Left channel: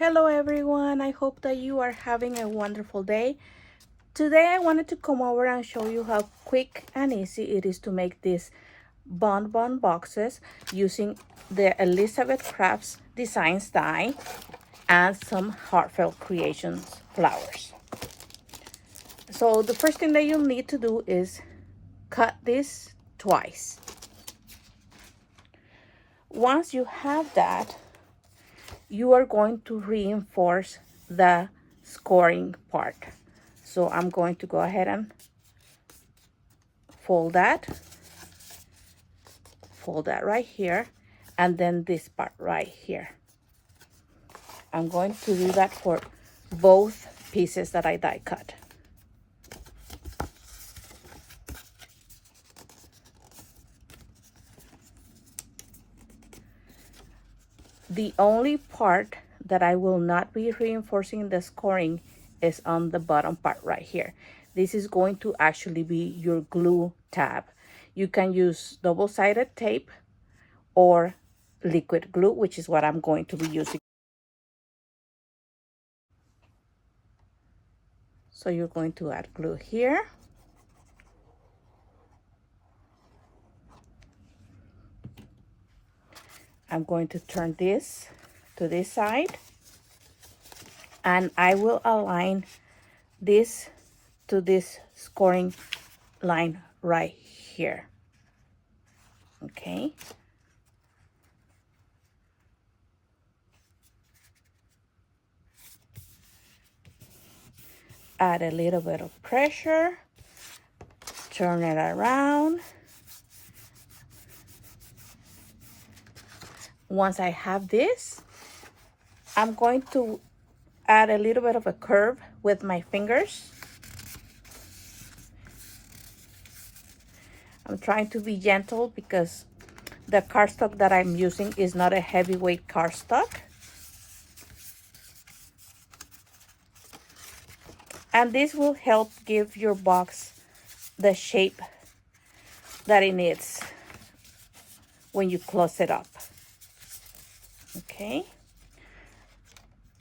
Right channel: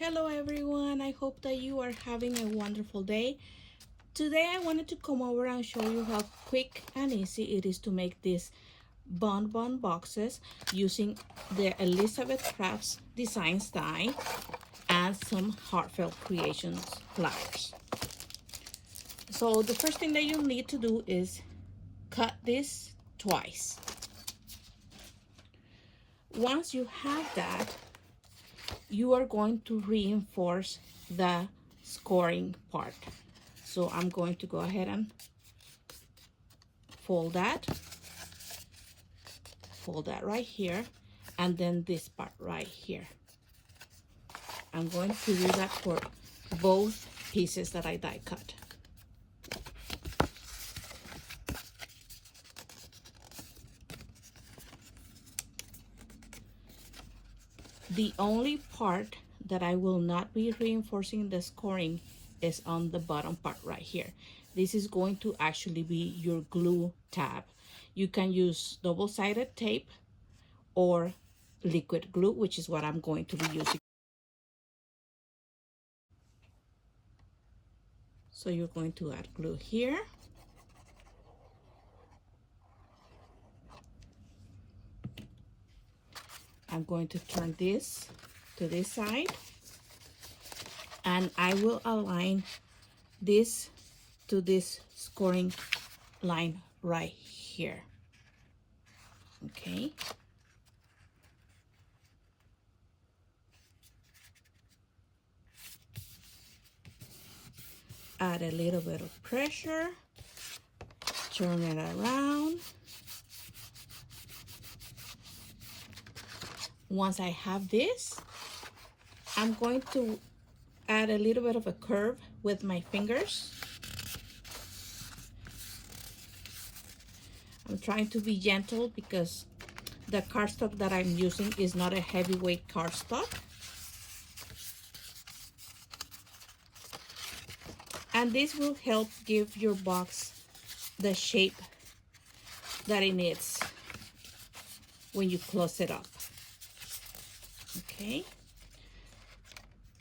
Hello everyone, I hope that you are having a wonderful day. Today I wanted to come over and show you how quick and easy it is to make these bonbon boxes using the Elizabeth Crafts Designs die and some Heartfelt Creations flowers. So the first thing that you'll need to do is cut this twice. Once you have that, you are going to reinforce the scoring part. So I'm going to go ahead and fold that right here, and then this part right here. I'm going to do that for both pieces that I die cut. The only part that I will not be reinforcing the scoring is on the bottom part right here. This is going to actually be your glue tab. You can use double-sided tape or liquid glue, which is what I'm going to be using. So you're going to add glue here. I'm going to turn this to this side, and I will align this to this scoring line right here. Okay. Add a little bit of pressure, turn it around. Once I have this, I'm going to add a little bit of a curve with my fingers. I'm trying to be gentle because the cardstock that I'm using is not a heavyweight cardstock. And this will help give your box the shape that it needs when you close it up. Okay.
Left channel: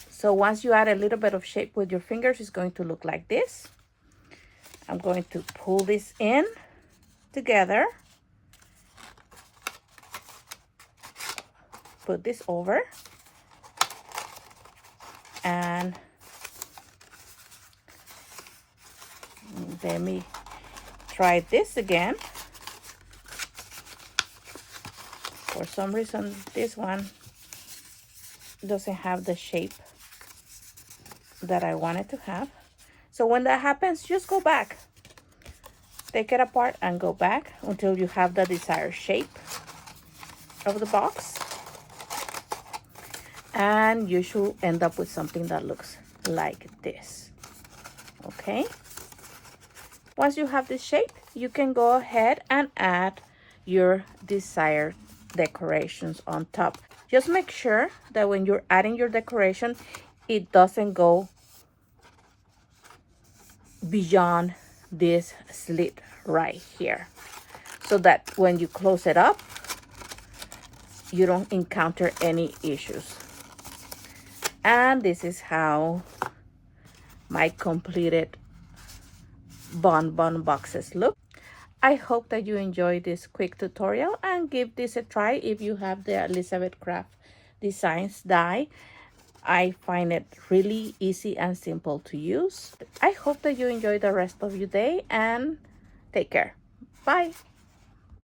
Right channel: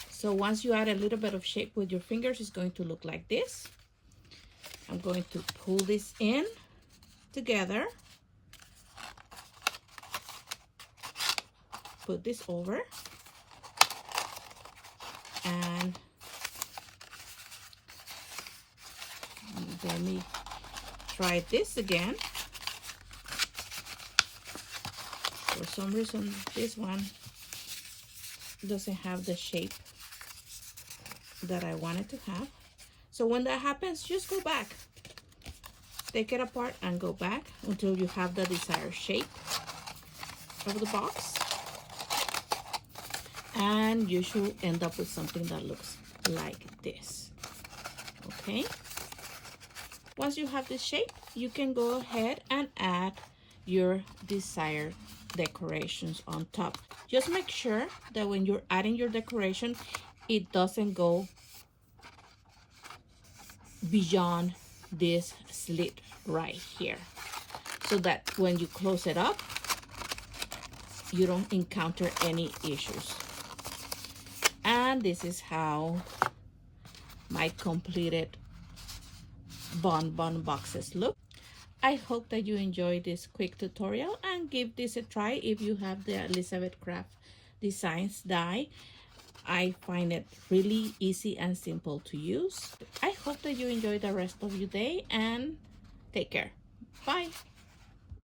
So once you add a little bit of shape with your fingers, it's going to look like this. I'm going to pull this in together. Put this over. And let me try this again. For some reason, this one doesn't have the shape that I wanted to have. So when that happens, just go back. Take it apart and go back until you have the desired shape of the box. And you should end up with something that looks like this. Okay. Once you have this shape, you can go ahead and add your desired decorations on top. Just make sure that when you're adding your decoration, it doesn't go beyond this slit right here, so that when you close it up, you don't encounter any issues. And this is how my completed bonbon boxes look. I hope that you enjoyed this quick tutorial and give this a try if you have the Elizabeth Craft Designs die. I find it really easy and simple to use. I hope that you enjoy the rest of your day and take care. Bye.